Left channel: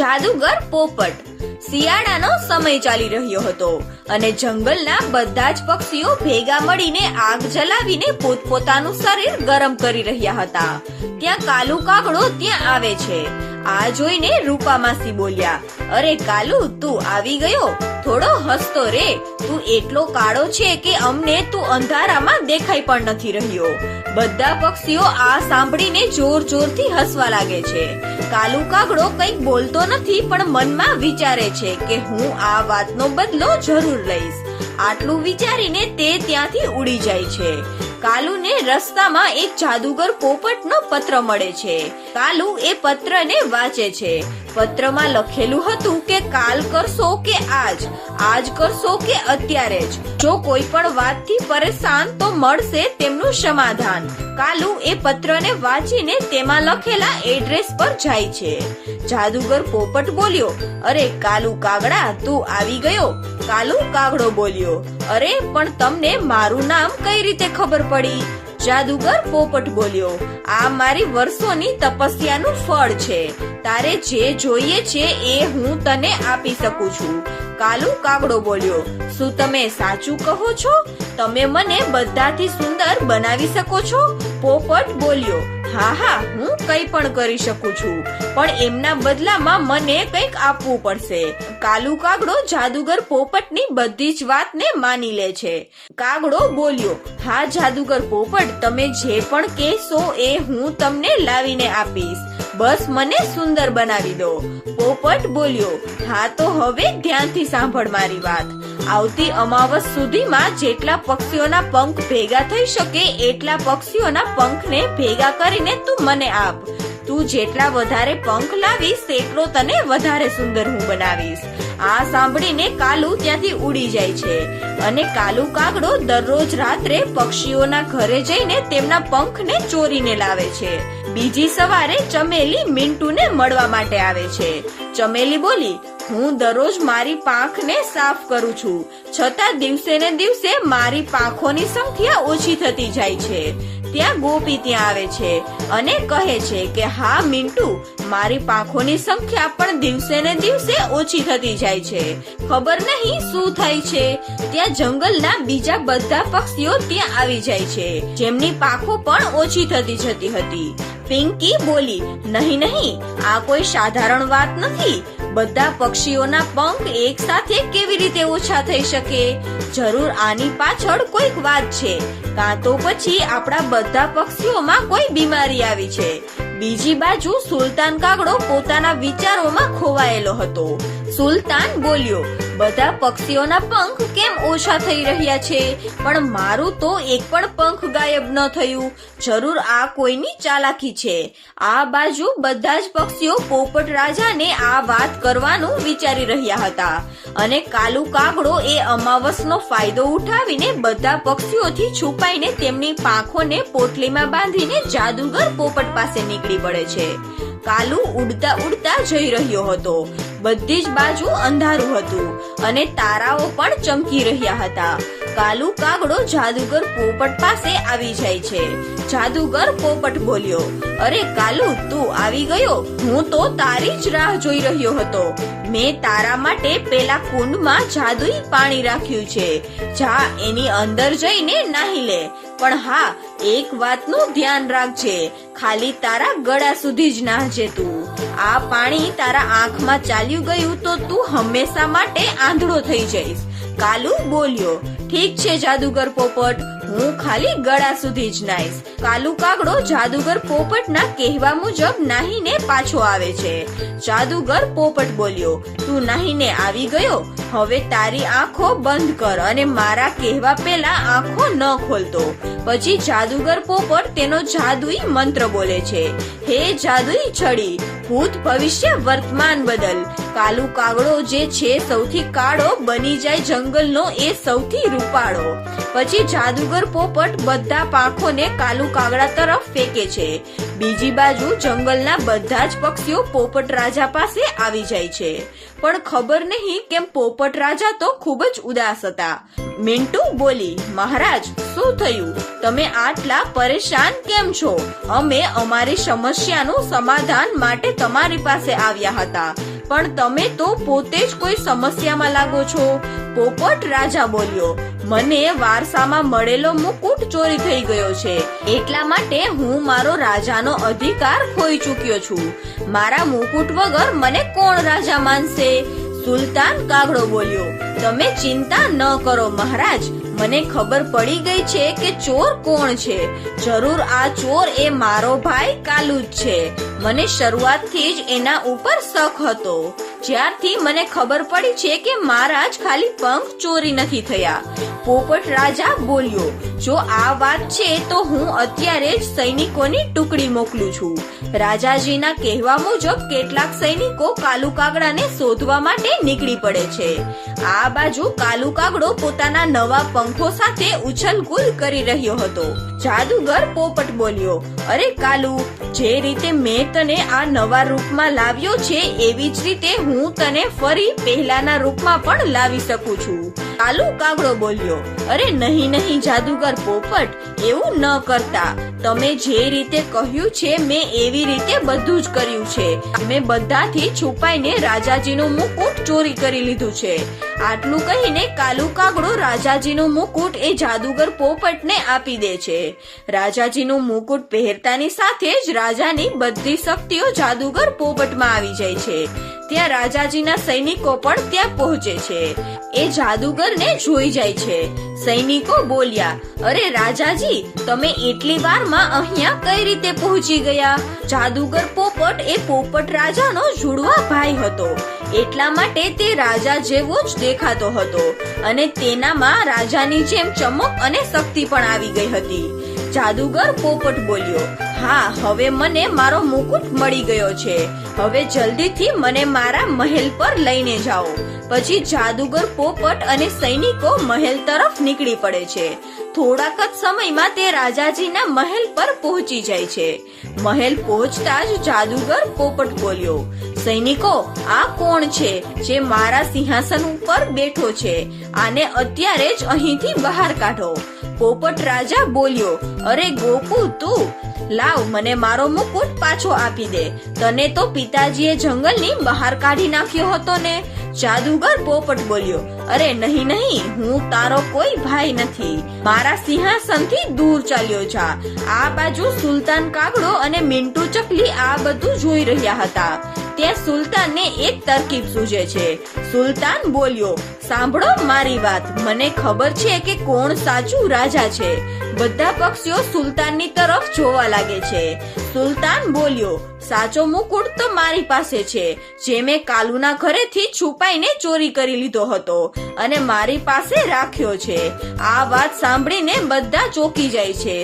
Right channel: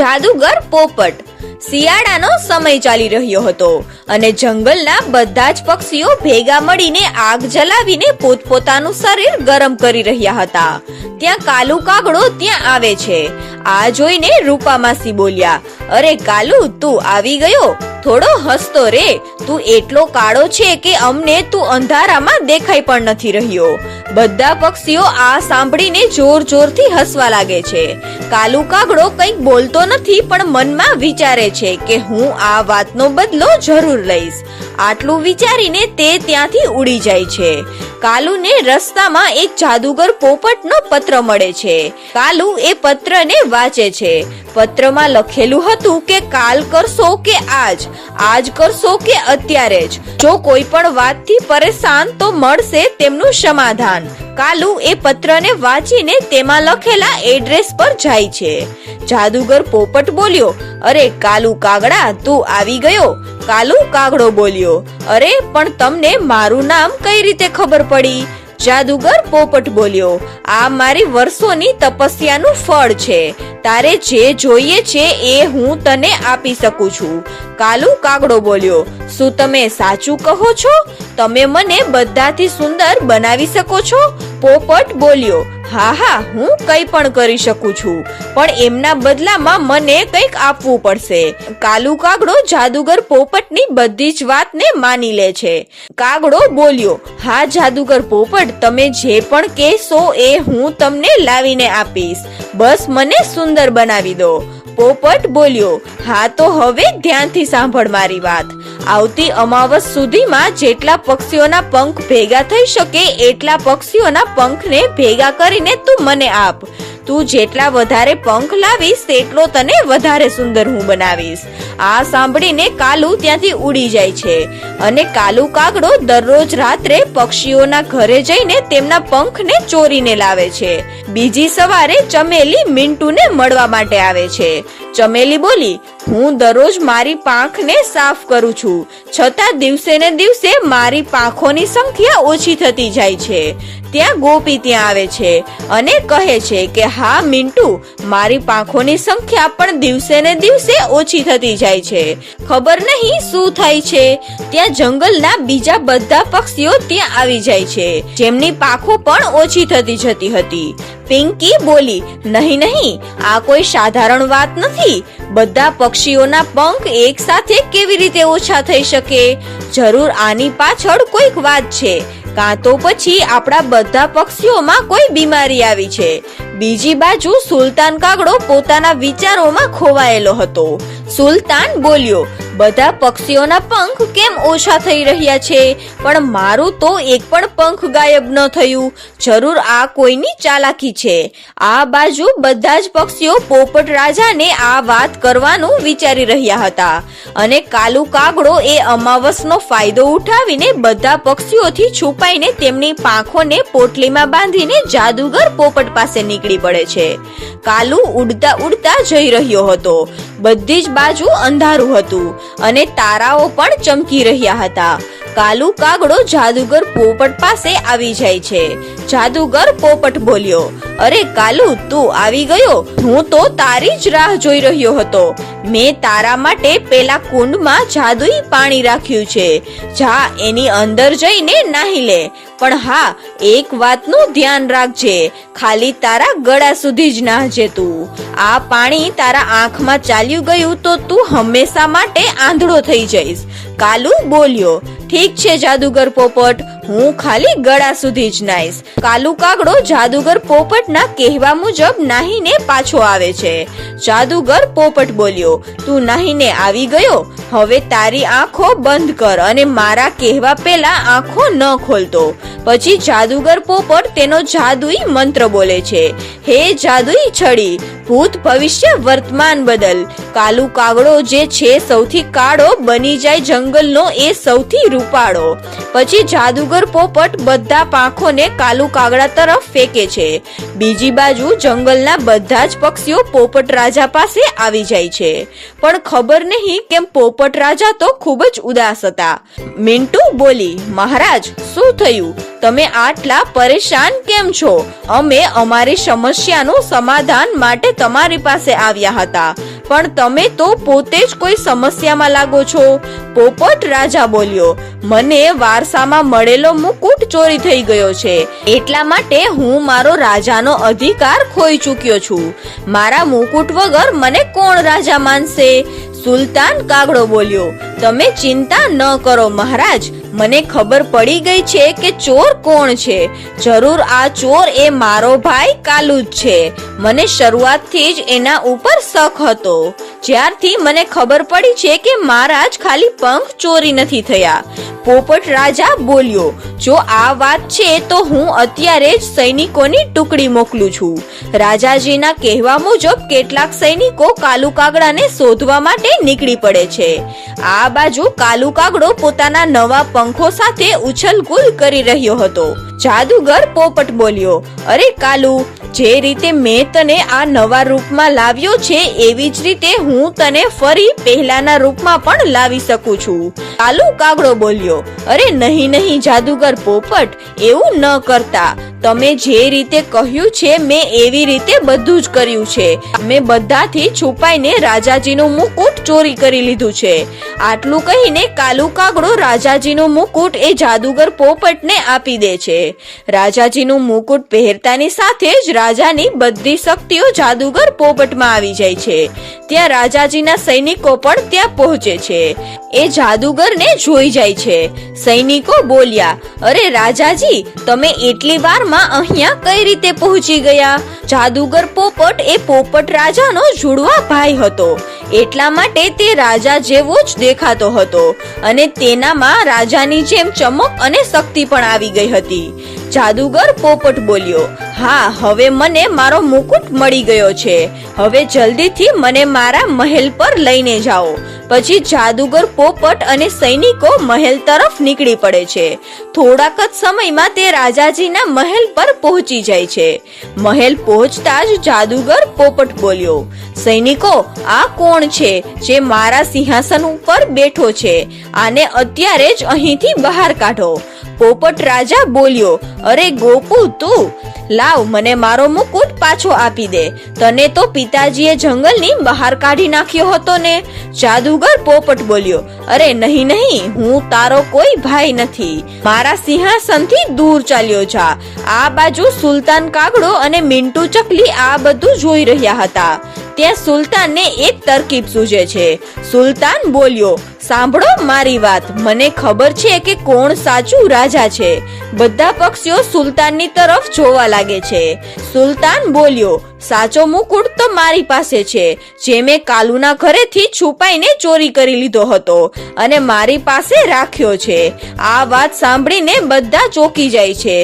જાદુગર પોપટ. શિયાળાનો સમય ચાલી રહ્યો હતો અને જંગલના બધા જ પક્ષીઓ ભેગા મળીને આગ જલાવીને પોતપોતાનું શરીર ગરમ કરી રહ્યા હતા. ત્યાં કાલુ કાગડો ત્યાં આવે છે. આ જોઈને રૂપામાસી બોલ્યા, અરે કાલુ, તું આવી ગયો? થોડો હસતો રે. તું એટલો કાળો છે કે અમને તું અંધારામાં દેખાઈ પણ નથી રહ્યો. બધા પક્ષીઓ આ સાંભળીને જોર જોરથી હસવા લાગે છે. કાલુ કાગડો કંઈક બોલતો નથી પણ મનમાં વિચારે છે કે હું આ વાતનો બદલો જરૂર લઈશ. આટલું વિચારીને તે ત્યાંથી ઉડી જાય છે. કાલુને રસ્તામાં એક જાદુગર પોપટનો પત્ર મળે છે. કાલુ એ પત્રને વાંચે છે. પત્રમાં લખેલું હતું કે કાલ કરશો કે આજ કરશો કે અત્યારે જ. જો કોઈ પણ વાતથી પરેશાન તો મળશે તેમનું સમાધાન. કાલુ એ પત્રને વાંચીને તેમાં લખેલા એડ્રેસ પર જાય છે. જાદુગર પોપટ બોલ્યો, અરે કાલુ કાગડા, તું આવી ગયો? કાલુ કાગડો બોલ્યો, અરે પણ તમને મારું નામ કઈ રીતે ખબર પડી? જાદુગર પોપટ બોલ્યો, આ મારી વર્ષોની તપસ્યાનું ફળ છે. તારે જે જોઈએ છે એ હું તને આપી શકું છું. કાલુ કાગડો બોલ્યો, શું તમે સાચું કહો છો? તમે મને બધાથી સુંદર બનાવી શકો છો? પોપટ બોલ્યો, હા, હું કંઈ પણ કરી શકું છું, પણ એમના બદલામાં મને કંઈક આપવું પડશે. કાલુ કાગડો જાદુગર પોપટની બધી જ વાતને માની લે છે. કાગડો બોલ્યો, હા જાદુગર પોપટ, તમે જે પણ કહેશો એ હું તમને લાવીને આપીશ. બસ મને સુંદર બનાવી દો. પોપટ બોલ્યો, હા તો હવે ધ્યાનથી સાંભળ મારી વાત. આવતી અમાવસ સુધીમાં જેટલા પક્ષીઓના પંખ ભેગા થઈ શકે એટલા પક્ષીઓના પંખને ભેગા કરીને તું મને આપ. તું જેટલા વધારે પંખ લાવીશ તેટલો તને વધારે સુંદર હું બનાવીશ. આ સાંભળીને કાલુ ત્યાંથી ઉડી જાય છે અને કાલુ કાગડો દરરોજ રાત્રે પક્ષીઓના ઘરે જઈને તેમના પંખને ચોરીને લાવે છે. બીજી સવારે ચમેલી મિન્ટુને મળવા માટે આવે છે. ચમેલી બોલી, હું દરરોજ મારી પાંખને સાફ કરું છું, છતાં દિવસે ને દિવસે મારી પાંખોની સંખ્યા ઓછી થતી જાય છે. ત્યાં ગોપી ત્યાં આવે છે અને કહે છે કે હા મિન્ટુ, મારી પાંખોની સંખ્યા પણ દિવસે ને દિવસે ઓછી થતી જાય છે. ખબર નહીં શું થાય છે. ત્યાં જંગલના બીજા બધા પક્ષીઓ ત્યાં આવી જાય છે જેમની પાંખો પણ ઓછી થતી જતી હતી. પિંકી બોલી, નહીં, આ કોઈ સાધારણ વાત નથી. બધા પક્ષીઓના પંખ એક સાથે કેવી રીતે ઓછા થઈ શકે? જરૂર આની પાછળ કોઈક વાત છે, કાં તો પછી આપણા બધા પક્ષીઓમાં કોઈ બીમારી આવી છે. બીજી બાજુ સુલતાન કાગડો પોતાના વિચારોમાં ખોવાયેલો હતો. સુલતાન બોલ્યો, બધા પક્ષીઓના પંખ કેમ ઓછા થઈ રહ્યા છે, પણ મારું તો એક પણ પંખ ગાયબ ન થયું. જરૂર આ કોઈની ચાલાકી છે. આ બાજુ બધા જ પક્ષીઓ પોપટ રાજાને આ વાત કરવાનું વિચારી રહ્યા હતા અને કાલુ કાગડો એ અમાવસનો ફાયદો ઉઠાવીને બધા પક્ષીઓથી છુપાઈને તેમની પાંખોને પોટલીમાં બાંધીને જાદુગર પોપટ પાસે નીકળી પડે છે. કાલુ ઉડતા ઉડતા જઈ રહ્યો હતો. બધી જ બાજુ અંધારું હતું અને તારાઓ પણ ચમકી રહ્યા હતા. કાલુ કાગડો જાદુગર પોપટ પાસે આવી જાય છે. જાદુગર પોપટ બોલ્યો, અરે કાલુ, તું આવી ગયો? હું તો તારી જ રાહ જોઈ રહ્યો હતો. મેં તારા માટે પેલા કુંડમાં જાદુઈ પાણી રાખ્યું છે. જા એની અંદર જઈને નાહી લે. પણ હા, એક વાતનું ધ્યાન રાખજે, ખાલી તારા ગળા સુધી જ નાહજે તું. આ પાણી તારા આંખમાં ચાલ્યું ગયું તો તું હંમેશા માટે આંધળો થઈ જઈશ. કાલુ બોલ્યો, ઠીક છે જાદુગર પોપટ, હું ખાલી ગળા સુધી જ નાહીશ. કાલુ કાગડો જાદુગર પોપટના કહેવા મુજબ નાહીને પાછો આવે છે. જાદુગર પોપટ બોલ્યો, તું નાહીને આવી ગયો? હવે તારી આંખો બંધ કર અને મારા કહેવા પહેલા આંખો ન ખોલતો. પછી જાદુગર પોપટ તેનો જાદુઈ મંત્ર બોલે છે, હે જાદુઈ છડી, ભૂત ભવિષ્ય વર્તમાન બદલ. કાલુ કાગડો જે છે સૌથી કાળો બની જાય જંગલનો એ સૌથી રૂપાળો. પછી જાદુગર પોપટ બધા પાંખોને કાલુ કાગડા તરફ ફેંકે છે. બીજી બાજુ જંગલના બધા જ પક્ષીઓ પોપટ રાજા પાસે આવી જાય છે. પણ ખબર નહીં કેમ પોપટ રાજા તો ખૂબ જ ઉદાસ હતા. મિન્ટુ બોલી, મહારાજ, શું થયું? તમે આટલા પરેશાન કેમ છો? અમે અમારી સમસ્યાનું સમાધાન માટે તમારી પાસે આવ્યા હતા. પણ તમે તો પોતે જ કોઈ સમસ્યામાં લાગો છો. પોપટ રાજા બોલ્યો, મને વારસામાં મળેલો મુકુટ ચોરી થઈ ગયો છે, એટલા માટે હું મારો રાજાનો અધિકાર ખોઈ ચૂક્યો છું. મારા મુકુટ વગર મને કોણ રાજા માનશે? સુલતાન કાગડો બોલ્યો, તમે ચિંતા ન કરો મહારાજ, મને ખબર પડી ગઈ છે કે ચોર કોણ છે. જરૂર આ ચોર એ મારો ભાઈ કાલુ જ છે. મને શરૂઆતથી જ એના ઉપર શક હતો. જ્યારથી મને ખબર પડી છે કે મારા જ ખાલી પંખ ચોરી નથી થયા. પોપટ રાજા બોલ્યો, જો આ વાત છે તો હું અત્યારે જ સૈનિકોની ટુકડી મોકલું છું. રાજાજીના કહેવા મુજબ કેટલાક સૈનિકો કાલુ કાગડાને શોધવા માટે નીકળી પડે છે. આ બાજુ કાલુ કાગડો પોતાના નવા પંખો સાથે ઉછલકૂદ કરી રહ્યો હતો. જાદુગર પોપટ બોલ્યો, અરે કાલુ, જે રીતે મેં તને આ નવા રૂપમાં લાવ્યો છે એવી જ રીતે હું તને ફરી પહેલાના રૂપમાં પણ લાવી શકું છું. કાલુ કાગડો બોલ્યો, અરે નહીં નહીં જાદુગર પોપટ, એવું ન કરતા. તમે જે રીતે કહ્યું છે મેં એવી રીતે બધું જ કર્યું છે. મેં બધાથી છુપાઈને રાજાજીનું મુકુટ ચોરી કરી લીધું છે. આટલું કહીને કાલુ કાગડો રાજાજીનું મુકુટ એ જાદુગર પોપટને આપી દે છે. રાજાજીનું મુકુટ પહેરતાની સાથે જ રાજાની બધી શક્તિઓ જાદુગર પોપટમાં આવી જાય છે. ત્યાં રાજાજીના સૈનિકો પણ ત્યાં પહોંચે છે. એ જાદુગરને જોઈ જાય છે. સૈનિકો બોલ્યા, અરે રાજાજી, તમે એટલી વારમાં અહીંયા કઈ રીતે પહોંચી ગયા? જાદુગર પોપટ એ પોપટ રાજાનો જુડવા ભાઈ હતો, એટલા માટે તે રાજા જેવો જ દેખાતો હતો અને તેનામાં રાજાની જેમ ચમક અને શક્તિ પણ આવી ગઈ હતી. જાદુગર પોપટ બોલ્યો, હા, હવે મને મારો મુકુટ મળી ગયો છે. હવે જલ્દીથી મને મારા મહેલ પર લઈને જાઓ. પછી જાદુગર પોપટ અને સૈનિકો મહેલ તરફ નીકળી પડે છે. થોડાક જ સમયમાં તે રાજાજીના મહેલ પર પહોંચી જાય છે. મહેલ પહોંચતા જ જાદુગર પોપટ બોલ્યો, સૈનિકો, આ કોણ છે જે મારા સિંહાસન ઉપર બેઠો છે? આને અત્યારે જ અહીંથી બહાર કાઢો. પોપટ રાજા બોલ્યો, અરે ગોપુ, તું લાવ, મને મારો મુકુટ પાછો આપી દે. તને તો પિતાજીએ જંગલની બહાર કાઢી નાખ્યો હતો ને? જાદુગર પોપટ બોલ્યો, અરે નહીં નહીં, હું તારો કોઈ ભાઈ નથી. મારા સિંહાસનથી દૂર ચાલ્યો જા. આ બાજુ સુલતાન કાગડો અને મિન્ટુ ચકલી આ બધું જોઈ રહ્યા હતા. ત્યાં સુલતાનને એક તરકીબ સૂઝે છે. સુલતાન બોલ્યો, સાંભળો મારી વાત, મને ખબર છે કે કોણ સાચું રાજા છે. બધા પક્ષીઓ સુલતાનની તરફ જોવા લાગે છે. સુલતાન બોલ્યો, સાચો મુકુટ તો મારી પાસે છે, જે મેં કાલુના ઘરેથી છુપાઈને ચોરી કરી લીધો હતો અને મારી પાસે રાખ્યો છે. આ વાત સાંભળીને બધા ચોંકી જાય છે.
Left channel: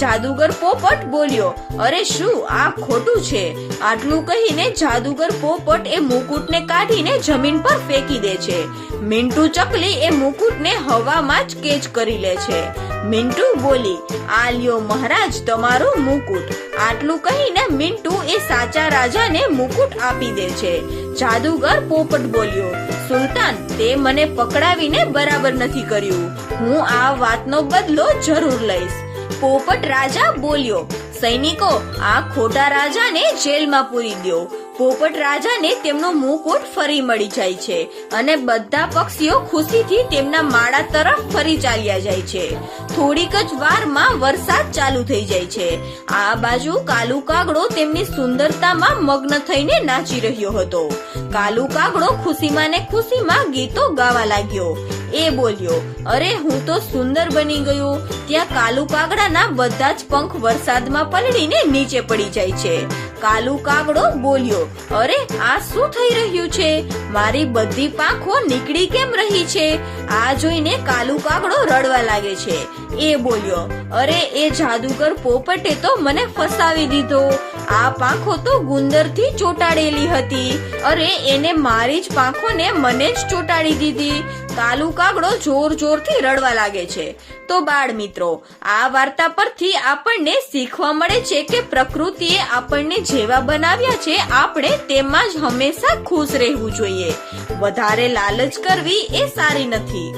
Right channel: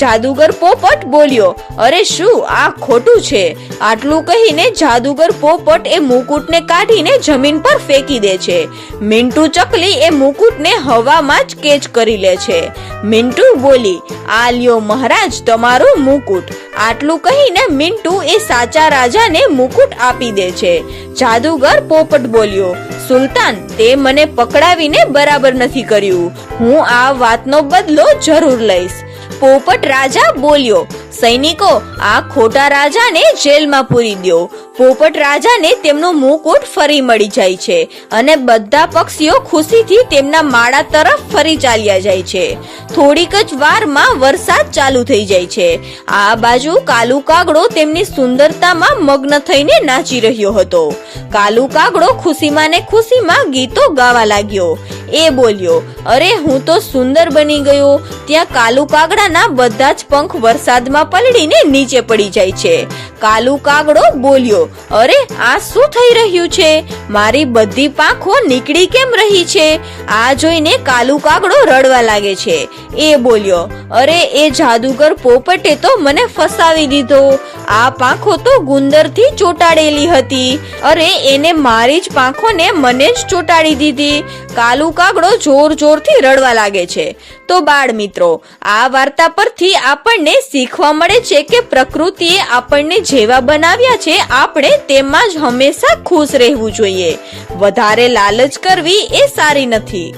જાદુગર પોપટ બોલ્યો, અરે શું આ ખોટું છે? આટલું કહીને જાદુગર પોપટ એ મુકુટને કાઢીને જમીન પર ફેંકી દે છે. મિન્ટુ ચકલી એ મુકુટને હવામાં જ કેચ કરી લે છે. મિન્ટુ બોલી, આ લ્યો મહારાજ તમારું મુકુટ. આટલું કહીને મિન્ટુ એ સાચા રાજાને મુકુટ આપી દે છે. જાદુગર પોપટ બોલ્યો, સુલતાન, તે મને પકડાવીને બરાબર નથી કર્યું. હું આ વાતનો બદલો જરૂર લઈશ. પોપટ રાજા બોલ્યો, સૈનિકો, આ ખોટા રાજાને જેલમાં પૂરી દો. પોપટ રાજાને તેમનો મુકુટ ફરી મળી જાય છે અને બધા પક્ષીઓ ખુશીથી તેમના માળા તરફ ફરી ચાલ્યા જાય છે. થોડીક જ વારમાં વરસાદ ચાલુ થઈ જાય છે. આ બાજુ કાલુ કાગડો તેમની સુંદરતામાં મગ્ન થઈને નાચી રહ્યો હતો. કાલુ કાગડો ખુશીમાં ને ખુશીમાં ગીતો ગાવા લાગ્યો. એ બોલ્યો, અરે હું તો સુંદર બની ગયો. ત્યાં કાલુ કાગડાના બધા જ પંખ વરસાદમાં પલળીને નીચે પડી જાય છે. કાલુ કાગડો બોલ્યો, અરે આ શું થઈ રહ્યું છે? મારી બધી પાંખો નીકળી કેમ રહી છે? આ જોઈને કાલુ કાગડો રડવા લાગે છે. એ બોલ્યો, અરે એ જાદુગર પોપટે તો મને ફસાવી દીધો. આ પાંખો તો ગુંદરથી ચોટાડેલી હતી. અરે એને મારી જ પાંખોને મને જ ચોટાડી દીધી. કાલુ કાગડો જોર જોરથી રડવા લાગે છે. તો બાળ મિત્રો, આ વાર્તા પરથી આપણને શીખવા મળે છે કે પ્રકૃતિએ આપણને જેવા બનાવ્યા છે આપણે તેમાં જ હંમેશા ખુશ રહેવું જોઈએ. વધારે લાલચ કરવી એ સારી નથી.